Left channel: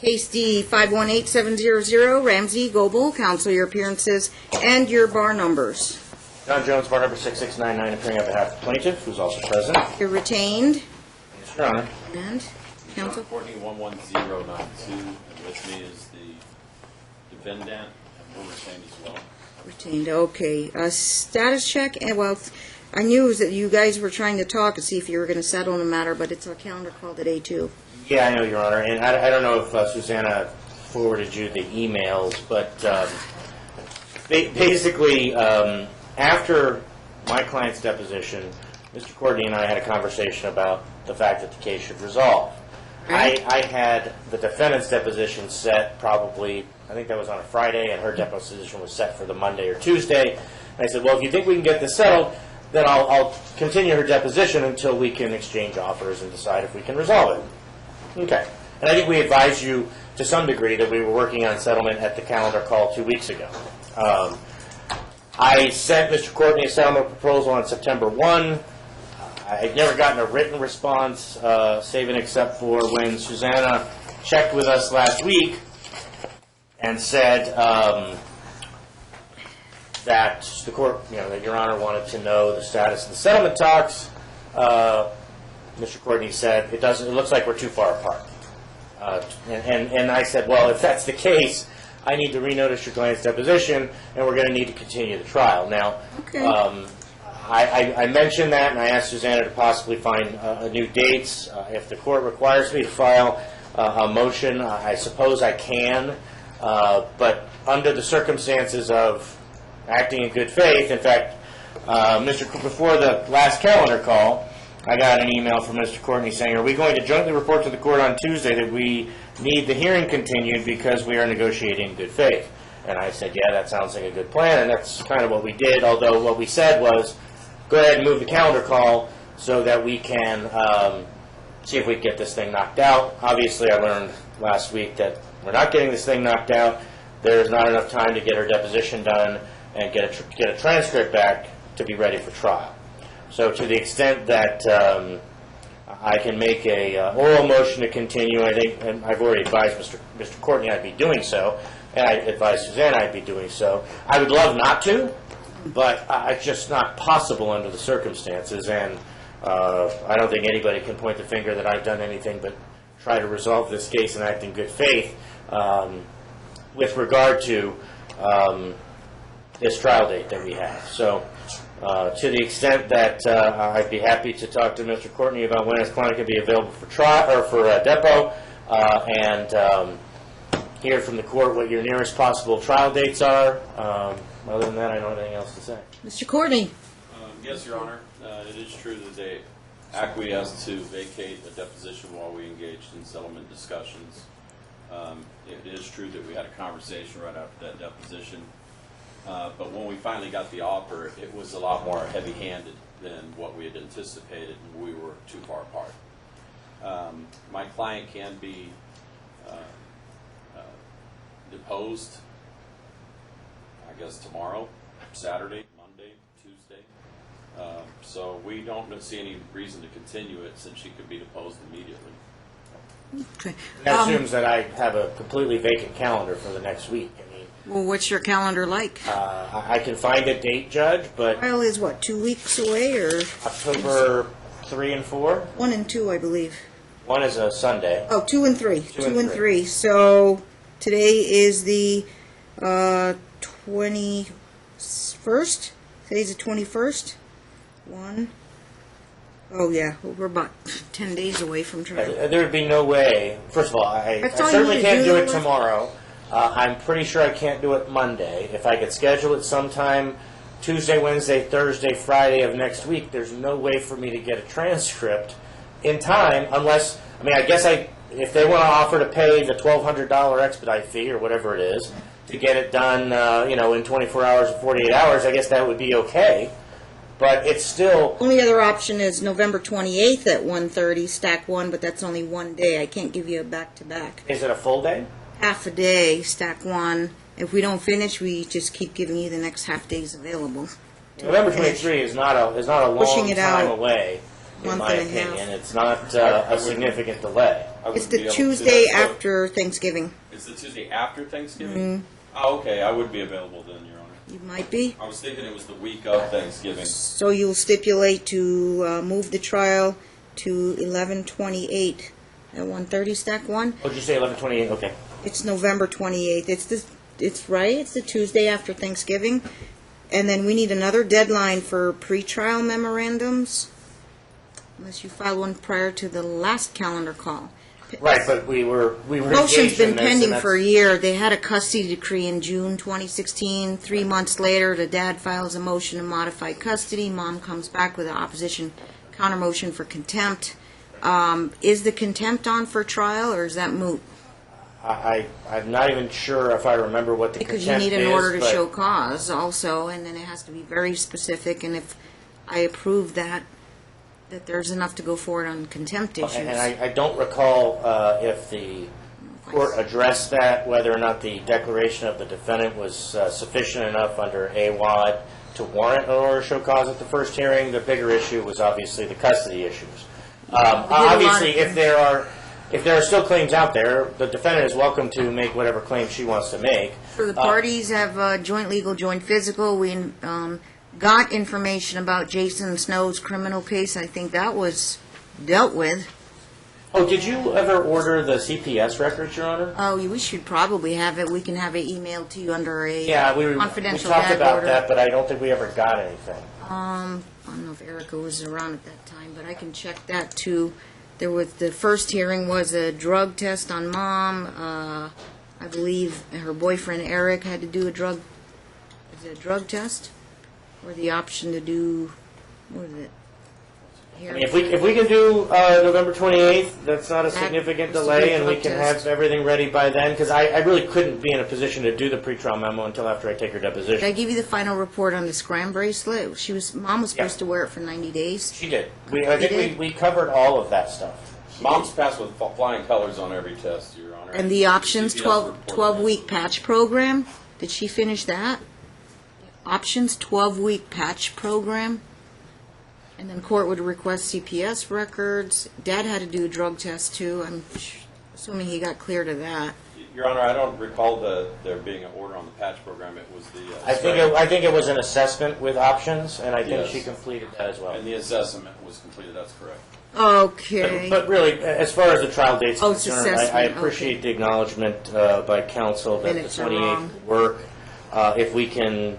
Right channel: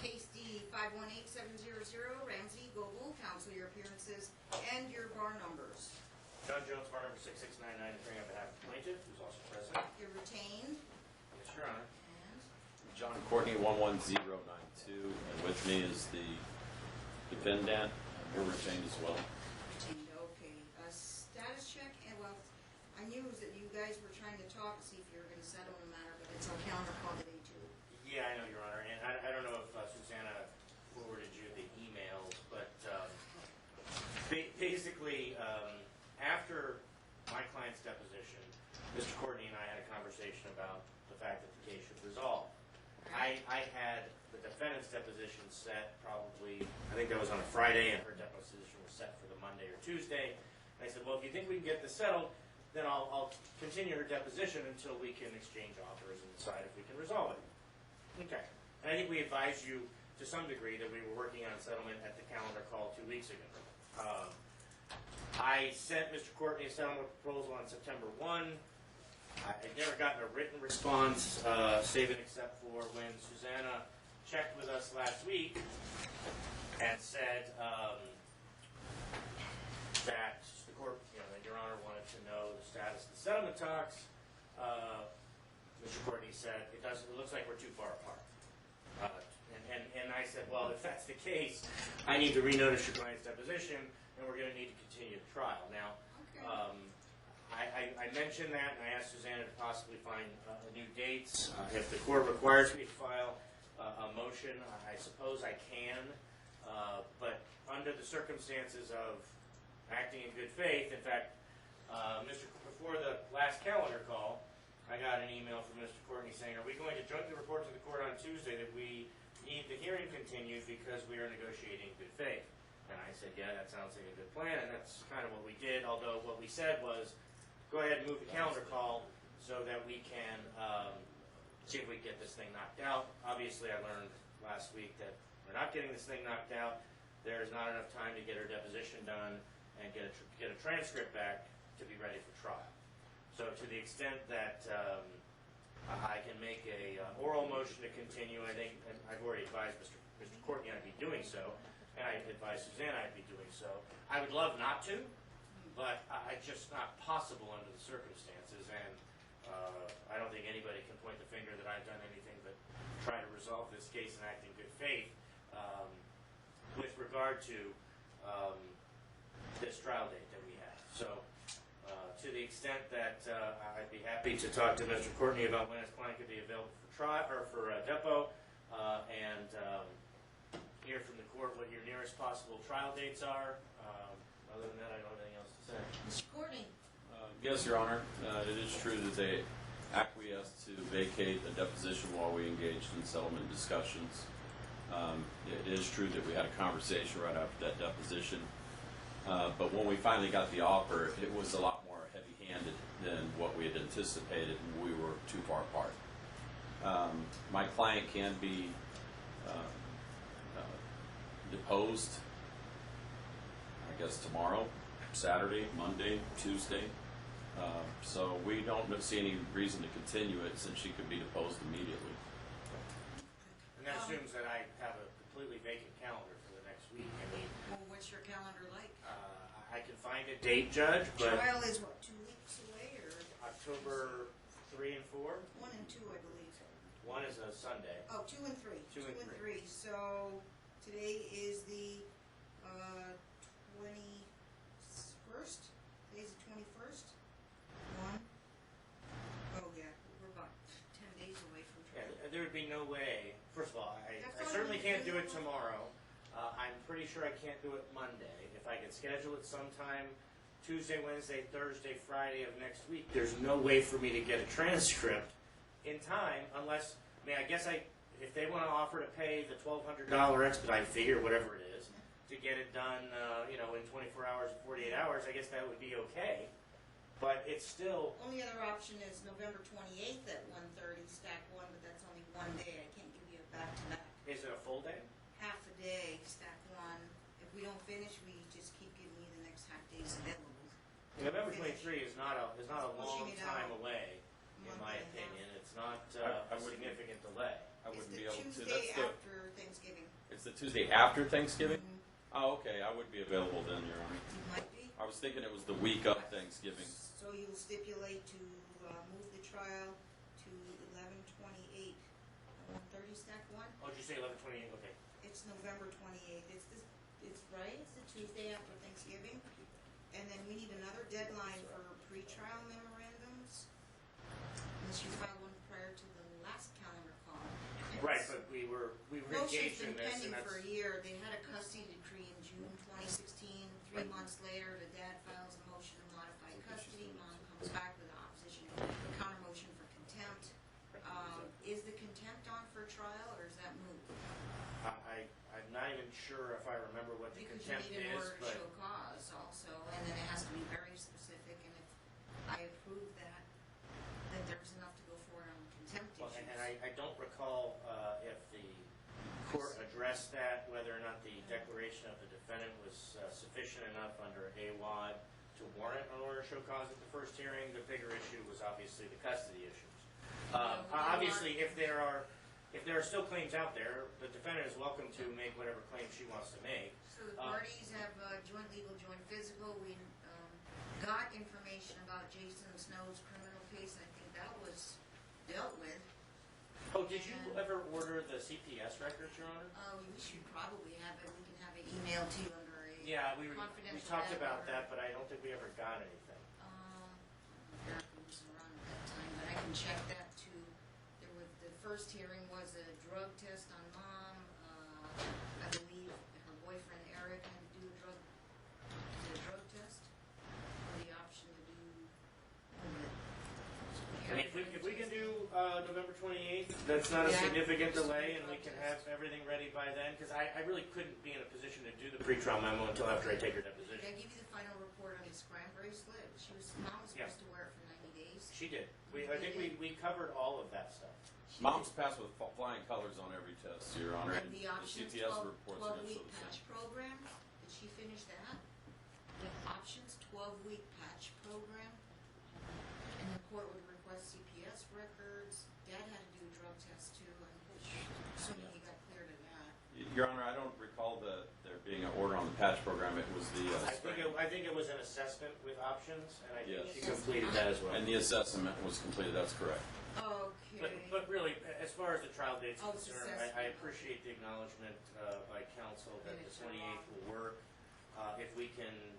Case D 518700, Ramsey, Goble, counsel your appearances and your bar numbers. John Jones, bar number 6699, appearing on behalf of the plaintiff, who's also present. You're retained. Yes, Your Honor. And counsel? Courtney 11092, and with me is the defendant, and we're retained as well. Retained, okay. Status check, and well, I knew that you guys were trying to talk to see if you were going to settle the matter, but it's a calendar called at A2. Yeah, I know, Your Honor, and I don't know if Susanna forwarded you the emails, but basically, after my client's deposition, Mr. Courtney and I had a conversation about the fact that the case should resolve. Right. I had the defendant's deposition set probably, I think that was on a Friday, and her deposition was set for the Monday or Tuesday. And I said, well, if you think we can get this settled, then I'll continue her deposition until we can exchange offers and decide if we can resolve it. Okay. And I think we advised you to some degree that we were working on settlement at the calendar call 2 weeks ago. I sent Mr. Courtney a settlement proposal on September 1. I'd never gotten a written response, save and except for when Susanna checked with us last week and said that the court, that Your Honor wanted to know the status of the settlement talks. Mr. Courtney said, it looks like we're too far apart. And I said, well, if that's the case, I need to renotice your client's deposition, and we're going to need to continue the trial. Now, Okay. I mentioned that, and I asked Susanna to possibly find new dates. If the court requires me to file a motion, I suppose I can. But under the circumstances of acting in good faith, in fact, before the last calendar call, I got an email from Mr. Courtney saying, are we going to jointly report to the court on Tuesday that we need the hearing continued because we are negotiating in good faith? And I said, yeah, that sounds like a good plan, and that's kind of what we did, although what we said was, go ahead and move the calendar call so that we can see if we can get this thing knocked out. Obviously, I learned last week that we're not getting this thing knocked out. There's not enough time to get her deposition done and get a transcript back to be ready for trial. So to the extent that I can make a oral motion to continue, I think, and I've already advised Mr. Courtney I'd be doing so, and I advised Susanna I'd be doing so. I would love not to, but it's just not possible under the circumstances, and I don't think anybody can point the finger that I've done anything but try to resolve this case and act in good faith with regard to this trial date that we have. So to the extent that I'd be happy to talk to Mr. Courtney about when his client can be available for trial or for depot, and hear from the court what your nearest possible trial dates are. Other than that, I don't have anything else to say. Mr. Courtney? Yes, Your Honor. It is true that they acquiesced to vacate a deposition while we engaged in settlement discussions. It is true that we had a conversation right after that deposition. But when we finally got the offer, it was a lot more heavy-handed than what we had anticipated, and we were too far apart. My client can be deposed, I guess, tomorrow, Saturday, Monday, Tuesday. So we don't see any reason to continue it since she could be deposed immediately. Okay. That assumes that I have a completely vacant calendar for the next week. Well, what's your calendar like? I can find a date, Judge, but Trial is what, 2 weeks away, or? October 3 and 4? 1 and 2, I believe. 1 is a Sunday. Oh, 2 and 3. 2 and 3. So today is the 21st. Today's the 21st. 1. Oh yeah, well, we're about 10 days away from trial. There would be no way. First of all, I That's all you certainly need to can't do do it with- tomorrow. I'm pretty sure I can't do it Monday. If I could schedule it sometime Tuesday, Wednesday, Thursday, Friday of next week, there's no way for me to get a transcript in time unless, I guess if they want to offer to pay the $1,200 expedite fee or whatever it is to get it done, in 24 hours or 48 hours, I guess that would be okay. But it's still... Only other option is November 28th at 1:30, stack 1, but that's only 1 day. I can't give you a back-to-back. Is it a full day? Half a day, stack 1. If we don't finish, we just keep giving you the next half days available. November 23 is not a long Pushing it time out. away. in Month my and a half. opinion. It's not a significant delay. I It's wouldn't the be able to- Tuesday that's what- after Thanksgiving. It's the Tuesday after Thanksgiving? Mm-hmm. Oh, okay, I would be available then, Your Honor. You might be. I was thinking it was the week of Thanksgiving. So you'll stipulate to move the trial to 11/28 at 1:30, stack one? Oh, did you say 11/28? Okay. It's November 28th. It's right. It's the Tuesday after Thanksgiving. And then we need another deadline for pretrial memorandums, unless you file one prior to the last calendar call. Right, but we were Motion's engaged in been this, pending and for a that's- year. They had a custody decree in June 2016. 3 months later, the dad files a motion to modify custody. Mom comes back with an opposition counter motion for contempt. Is the contempt on for trial, or is that moot? I'm not even sure if I remember what the Because contempt you is. need an order to but- show cause also, and then it has to be very specific, and if I approve that there's enough to go forward on contempt issues. And I don't recall if the court addressed that, whether or not the declaration of the defendant was sufficient enough under AWOD to warrant an order to show cause at the first hearing. The bigger issue was obviously the custody issues. Obviously, if there are still claims out there, the defendant is welcome to make whatever claim she wants to make. For the parties have joint legal, joint physical. We got information about Jason Snow's criminal case. I think that was dealt with. Oh, did you ever order the CPS records, Your Honor? Oh, we should probably have it. We can have it emailed to you under a Yeah, we confidential talked gag about order. that, but I don't think we ever got anything. I don't know if Erica was around at that time, but I can check that too. There was, the first hearing was a drug test on Mom. I believe her boyfriend Eric had to do a drug test? Or the option to do, what is it? I mean, if we can do November 28th, that's not a That significant was to delay, do a and we drug can test. have everything ready by then, because I really couldn't be in a position to do the pretrial memo until after I take her Did I deposition. give you the final report on the scram bracelet? Mom was supposed Yeah. to wear it for 90 days. She did. I You think did? we covered all of that stuff. Mom's passed with flying colors on every test, Your Honor. And the options CPS 12-week report patch program, did she finish that? Options 12-week patch program? And then court would request CPS records. Dad had to do a drug test too. I'm assuming he got cleared of that. Your Honor, I don't recall there being an order on the patch program. It was the I think it was an assessment with options, and I think Yes. she completed that as well. and the assessment was completed. That's correct. Okay. But really, as far as the trial date's Oh, it's concerned, I assessment, appreciate okay. the acknowledgement by counsel that the Minutes are 28th wrong. will work. If we can,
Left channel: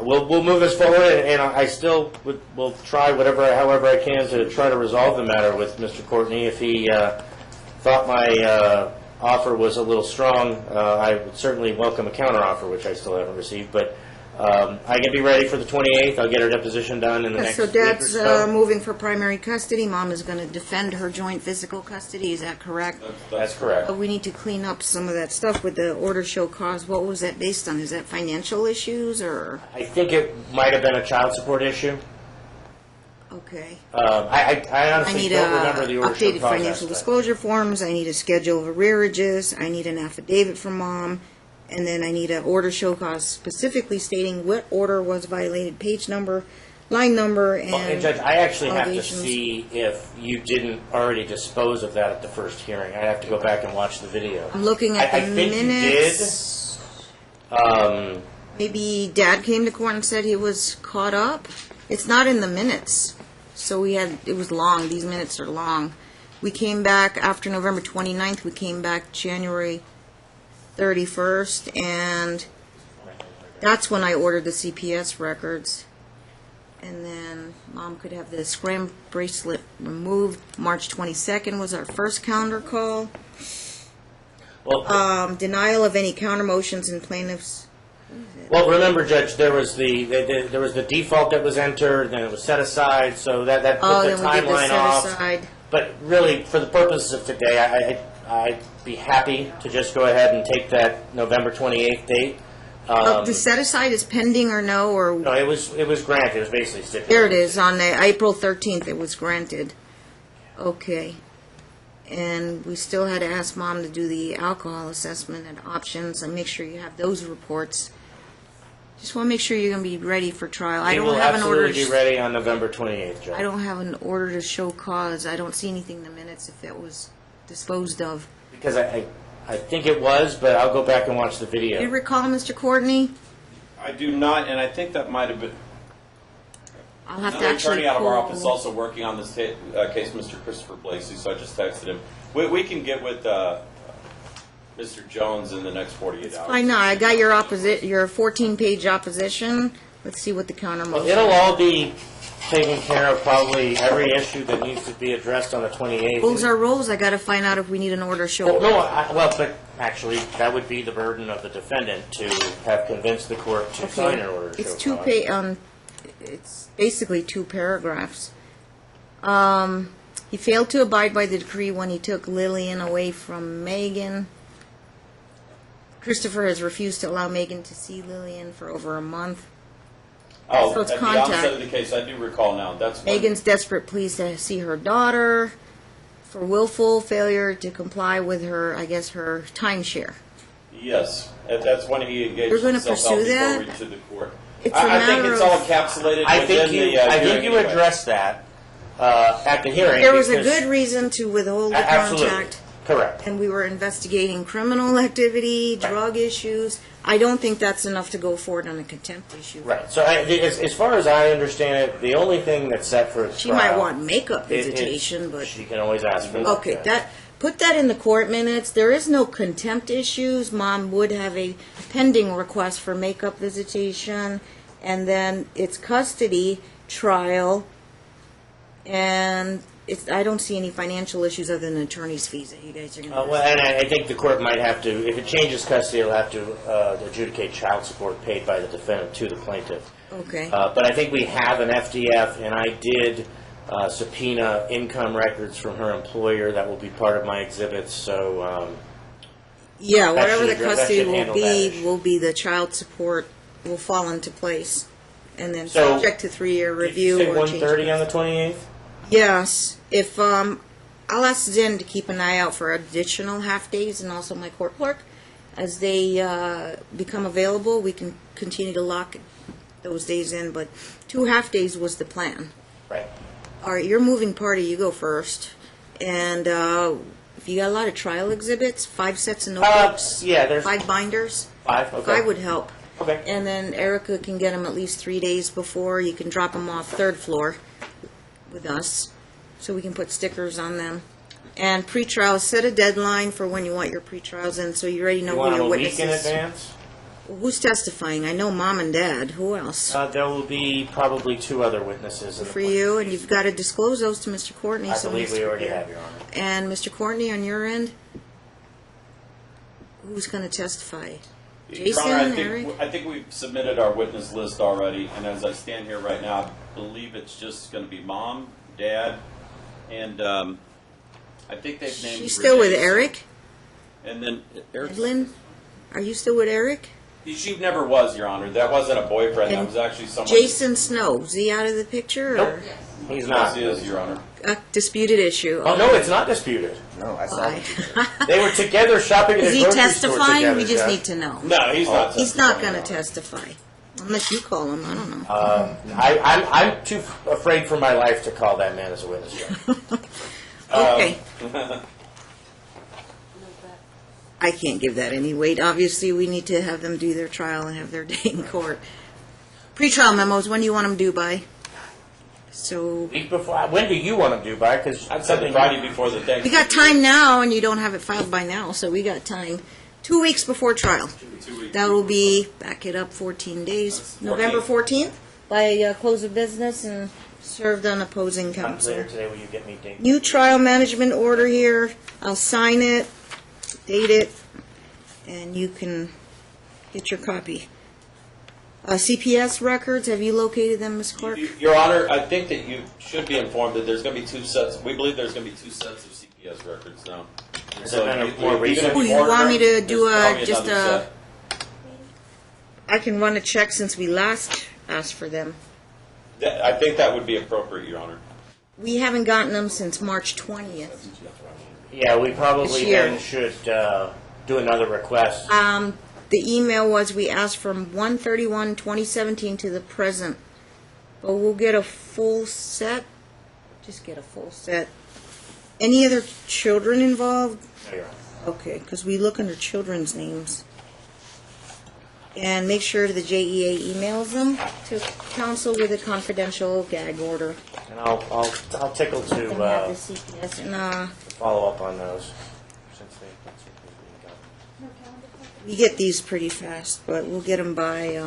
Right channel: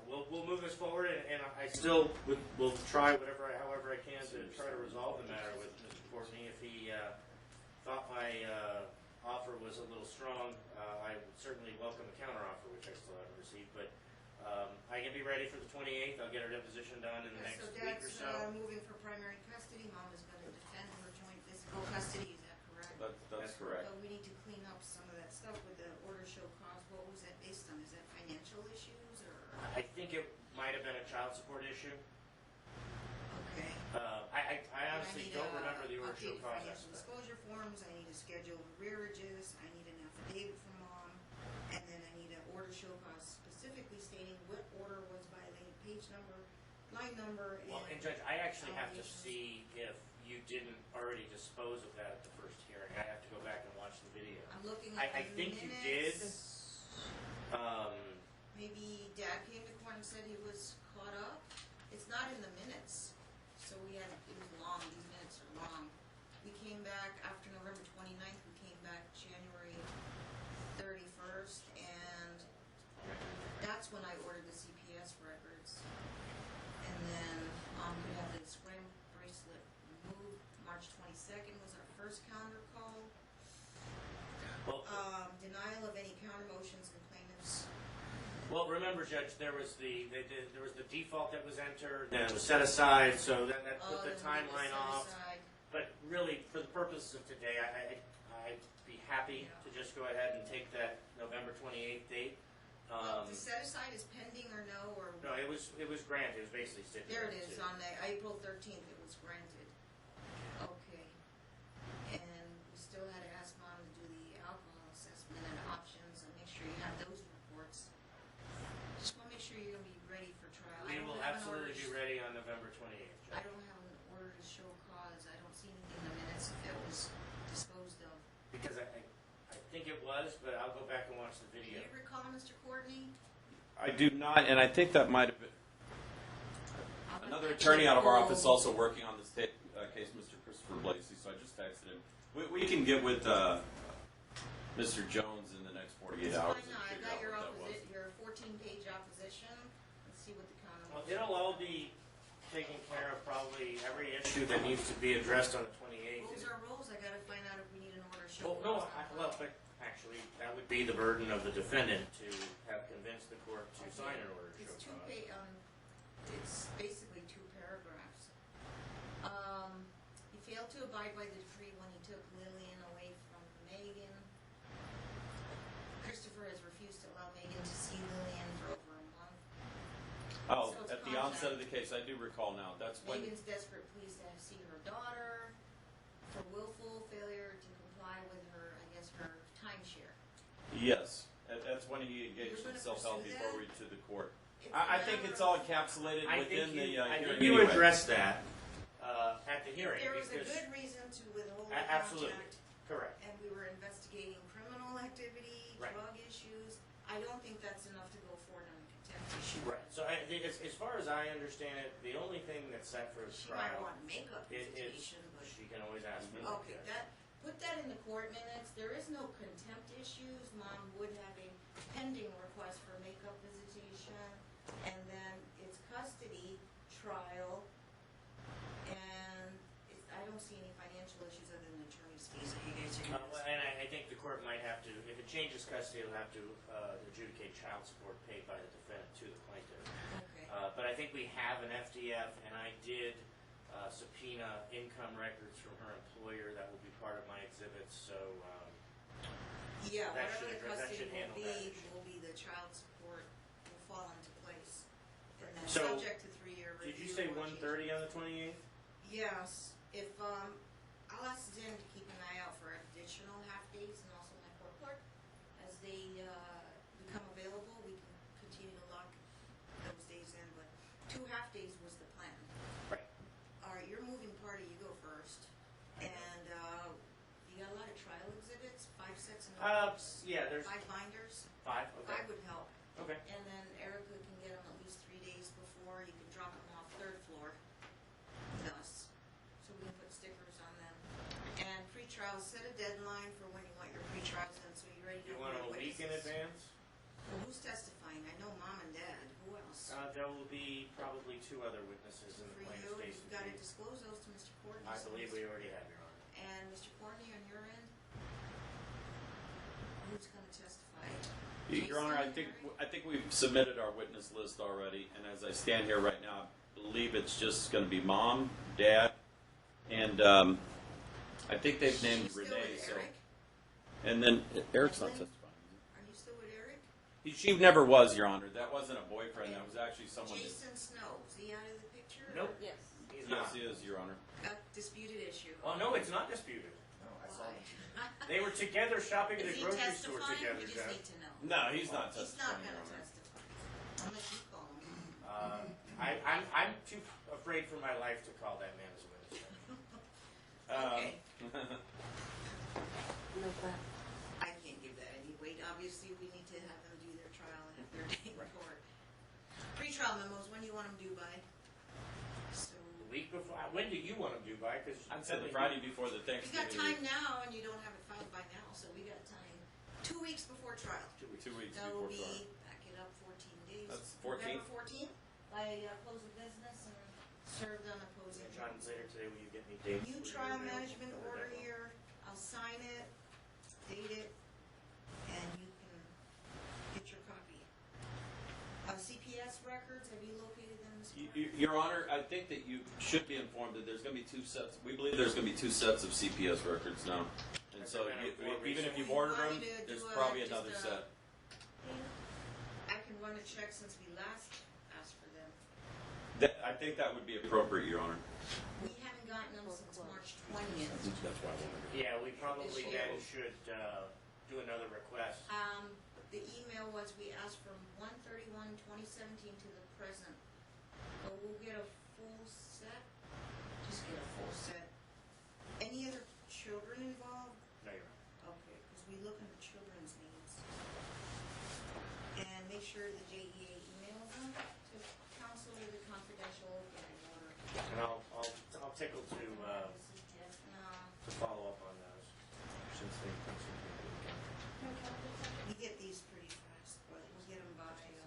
we'll move this forward, and I still will try however I can to try to resolve the matter with Mr. Courtney. If he thought my offer was a little strong, I would certainly welcome a counteroffer, which I still haven't received. But I can be ready for the 28th. I'll get her deposition done in the next So week or Dad's so. moving for primary custody. Mom is going to defend her joint physical custody. Is that correct? That's correct. But we need to clean up some of that stuff with the order show cause. What was that based on? Is that financial issues or? I think it might have been a child support issue. Okay. I I honestly need don't remember the order show updated cause financial aspect. disclosure forms. I need a schedule of arrearages. I need an affidavit from Mom. And then I need an order show cause specifically stating what order was violated, page number, line number, and Well, and Judge, I actually have to allegations. see if you didn't already dispose of that at the first hearing. I have to go back and watch the video. I'm looking at I the think minutes. you did. Maybe Dad came to court and said he was caught up. It's not in the minutes. So it was long. These minutes are long. We came back after November 29th. We came back January 31st, and that's when I ordered the CPS records. And then Mom could have the scram bracelet removed. March 22nd was our first calendar call. Well, Denial of any counter motions in plaintiffs. well, remember, Judge, there was the default that was entered, then it was set aside, so that put the Then we did the timeline set off. aside. But really, for the purposes of today, I'd be happy to just go ahead and take that November 28th date. The set aside is pending or no, or No, it was granted. It was basically stipulated. there it is, on the April 13th it was granted. Okay. And we still had to ask Mom to do the alcohol assessment and options, and make sure you have those reports. Just want to make sure you're going to be ready for trial. I We don't will have an order. absolutely be ready on November 28th, Judge. I don't have an order to show cause. I don't see anything in the minutes if it was disposed of. Because I think it was, but I'll go back and watch the Do you video. recall, Mr. Courtney? I do not, and I think that might have been, I'll have to another actually attorney out of our call. office also working on this case, Mr. Christopher Blakeslee, so I just texted him. We can get with Mr. Jones in the next 48 hours. I know. I got your 14-page opposition. Let's see what the counter Well, motion. it'll all be taken care of, probably every issue that needs to be addressed on the 28th. Rules are rules. I got to find out if we need an order to show Well, cause. no, but actually, that would be the burden of the defendant to have convinced the court to sign an order to It's show cause. It's basically 2 paragraphs. He failed to abide by the decree when he took Lillian away from Megan. Christopher has refused to allow Megan to see Lillian for over a month. Oh, So it's at the contact. onset of the case, I do recall now. That's when, Megan's desperate pleas to see her daughter for willful failure to comply with her, I guess, her timeshare. yes, that's when he engaged You're gonna himself pursue out before that? we to the court. It's a I think matter it's of- all encapsulated I within think the you, hearing I think you anyway. addressed that at the hearing. There was a because- good reason to withhold the Absolutely, contact, correct. and we were investigating criminal activity, Right. drug issues. I don't think that's enough to go forward on a contempt issue. Right, so as far as I understand it, the only thing that's set for a She trial... might want makeup it- visitation, but, She can always ask for that. okay, put that in the court minutes. There is no contempt issues. Mom would have a pending request for makeup visitation, and then it's custody trial, and I don't see any financial issues other than attorney's fees that you guys are going to... Well, and I think the court might have to, if it changes custody, it'll have to adjudicate child support paid by the defendant to the plaintiff. Okay. But I think we have an FDF, and I did subpoena income records from her employer. That will be part of my exhibits, so... Yeah, that whatever should the address- that custody should will handle that issue. will be the child support will fall into place. And then So, subject to 3-year Did review you say or change. 1:30 on the 28th? Yes, if, I'll ask Zen to keep an eye out for additional half-days and also my court clerk. As they become available, we can continue to lock those days in, but 2 half-days was the plan. Right. All right, you're moving party, you go first. And if you got a lot of trial exhibits, 5 sets of notebooks, Yeah, there's 5 binders, 5, okay. 5 would help. Okay. And then Erica can get them at least 3 days before. You can drop them off 3rd floor with us, so we can put stickers on them. And pretrials, set a deadline for when you want your pretrials in, so you already know You who want your them a week witnesses. in advance? Who's testifying? I know Mom and Dad. Who else? There will be probably 2 other witnesses. In the For plaintiff's you, and case. you've got to disclose those to Mr. Courtney. I so believe he's we already prepared. have, Your Honor. And Mr. Courtney, on your end, who's going to testify? Your Jason, Honor, Eric? I think we've submitted our witness list already, and as I stand here right now, I believe it's just going to be Mom, Dad, and I think they've named. You still with Renee. Eric? And then Eric's. Edlin? Are you still with Eric? She never was, Your Honor. That wasn't a boyfriend. That And was actually someone. Jason Snow, is he out of the picture? Nope. Or He's Yes, not. he is, Your Honor. a disputed issue? Oh, no, it's not disputed. No, I saw Why? it. They were together shopping at Is a he grocery store testifying? together, We just Judge. need to know. No, he's not. He's not testifying, going to Your Honor. testify. Unless you call him, I don't know. I'm too afraid for my life to call that man as a witness, Judge. Okay. I can't give that any weight. Obviously, we need to have them do their trial and have their day in court. Pre-trial memos, when do you want them due by? So, Week before, when do you want them due by? Because I'd say the Friday before the Thanksgiving. we got time now, and you don't have it filed by now, so we got time. 2 weeks before trial. 2 weeks That will before. be, back it up, 14 days. That's 14th. November 14th, by close of business, and served on opposing later counsel. today, will you get me dates? New trial management order here. I'll sign it, date it, and you can get your copy. CPS records, have you located them, Ms. Clark? Your Honor, I think that you should be informed that there's going to be 2 sets. We believe there's going to be 2 sets of CPS records now. Is that kind of even more if recent? you Oh, you want me to order, do there's probably just another a- set. I can run a check since we last asked for them. I think that would be appropriate, Your Honor. We haven't gotten them since March 20th. Yeah, we This probably year. then should do another request. The email was we asked from 1/31/2017 to the present. But we'll get a full set. Just get a full set. Any other children involved? No, Your Honor. Okay, because we look under children's names. And make sure the JEA emails them to council with a confidential gag order. And I'll tickle And have the to CPS follow up on those. we get these pretty fast, but we'll get them by,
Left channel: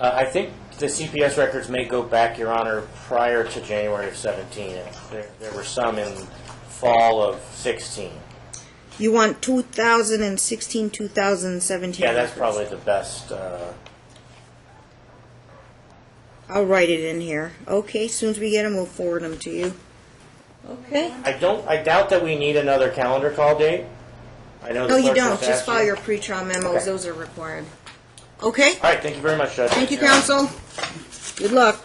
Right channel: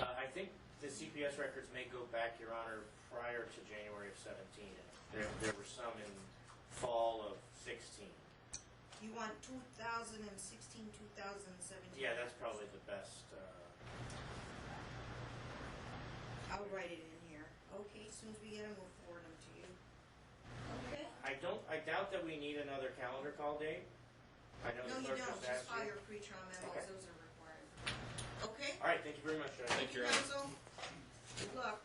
I think the CPS records may go back, Your Honor, prior to January of 17. There were some in fall of 16. you want 2016, 2017. Yeah, that's records. probably the best. I'll write it in here. Okay, as soon as we get them, we'll forward them to you. Okay. I doubt that we need another calendar call date. I know the No, you clerk don't. just Just asked file you. your pre-trial memos. Okay. Those are required. Okay? All right, thank you very much, Judge. Thank you, counsel. Good luck.